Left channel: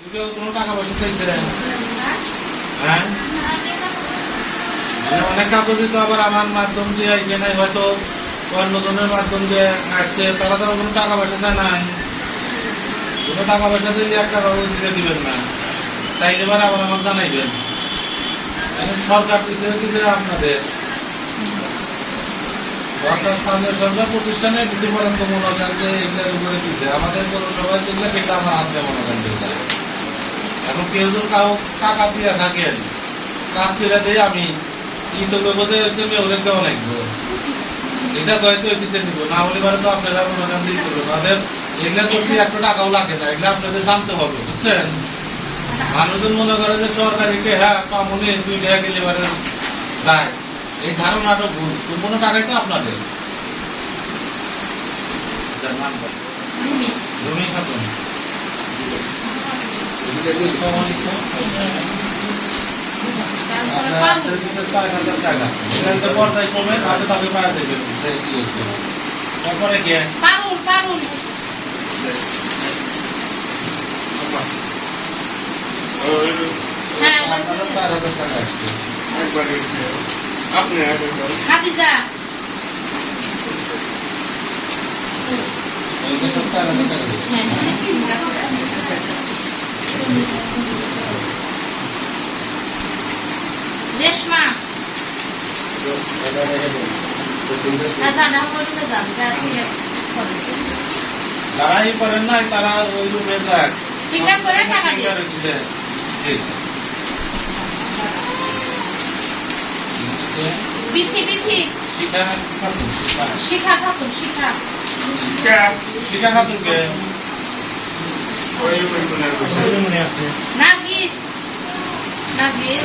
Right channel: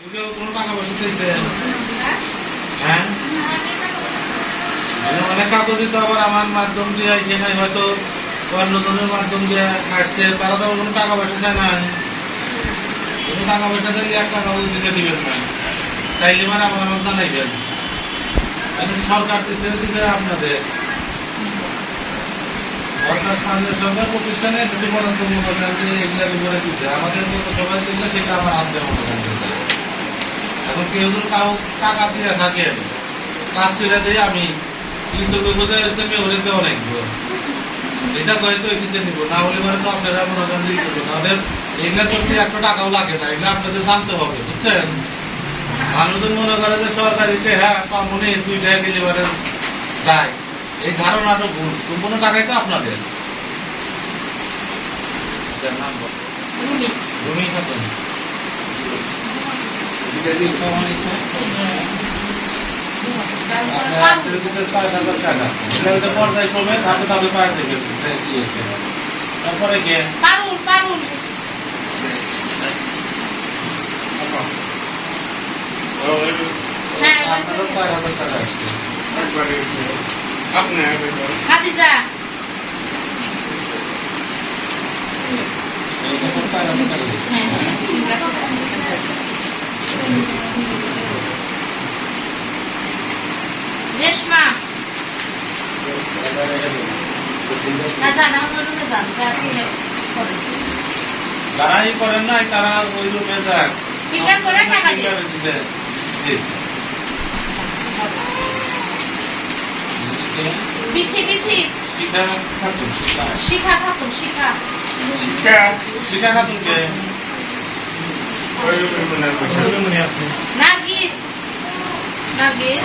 কোনো হ্যাঁ? মানে আমার মাধ্যম দিয়ে আইছে হয়তো অন্যজনের মাধ্যম দিয়ে আসছে, তারা তো কোনো টাকা পয়সা চায় নাই কোনো টাকা পয়সা দিলে একটা কাগজ দিতে দিবেন না। চাইলে এবার আবার আমার জানাইবেন। এখন সরকার দিচ্ছে আপনাদের। সরকার সরকার প্রতিষ্ঠানে কিছু বরাদ্দ মনে করেন এগুলোর উপরে দিচ্ছে আমাদের পৌরসভায় যেগুলো সেটা আমার হাতে মনে করেন দিতে হয়। এখন কেউ যদি কাউ টাকা দিয়ে থাকেন কাজ করে দিয়ে আমি। ই তো হচ্ছে মেয়রে দেওয়া লাগবে। এটা হয়তো এটিতে নিব না হলে পারে তো আপনারা মনে করেন হবে তাদের এগুলো করতে একটা টাকাও লাগে না এগুলো আপনাদের জানতে হবে বুঝছেন? মানুষজন মনে করে যে সরকারিকে হ্যাঁ কমনে দুই টাকা গেলে পারে যায়। এই ধারণাটা ভুল সম্পূর্ণ টাকাই তো আপনাদের। আচ্ছা, খাতুন আপনার আজকের ভিতরে ছয় হাজার টাকা এটা হচ্ছে পর্যায়ক্রমে ধাপে ধাপে পাওয়া যাবে এই হচ্ছে। তারপরে কে পারুল পারুল আপনি খাদিজা এই হাজার টাকা দিচ্ছে। হ্যাঁ রেশমা। না করেন। ই করেন নাই তারা ওই রুমে যাক ফিঙ্গার করে টাকা দিয়ে। ফিঙ্গারে দিবে। জি। বিথি বিথি শিখা খাতুন শিখা শিখা খাতুন শিখা শিখা শিখা খাতুন কে নার্গিস নার্গিস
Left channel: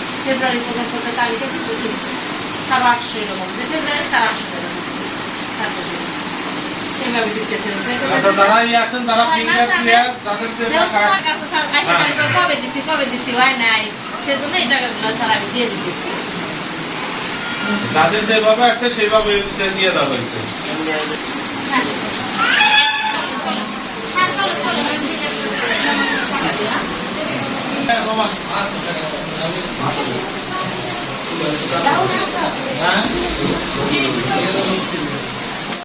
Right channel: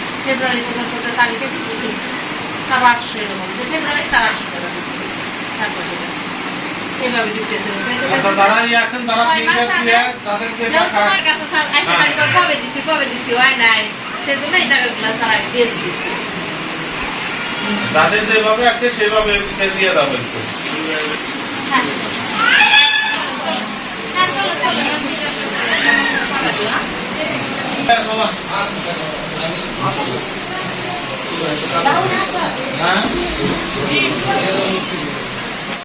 ফেব্রুয়ারি পর্যন্ত যে তারিখে দিচ্ছে ঢুকছে কারও আটশো এরকম যে ফেব্রুয়ারি তার আটশো ঢুকছে তারপর এইভাবে দিতেছে। আচ্ছা হ্যাঁ। কবে দিছি কবে দিছি হয় নাই। সেজন্য এটা স্যার আমি দিয়ে দিতেছি। যাদের যেভাবে আসছে সেইভাবে দিয়ে দেওয়া হয়েছে। হ্যাঁ। হ্যাঁ চলো চলো আমি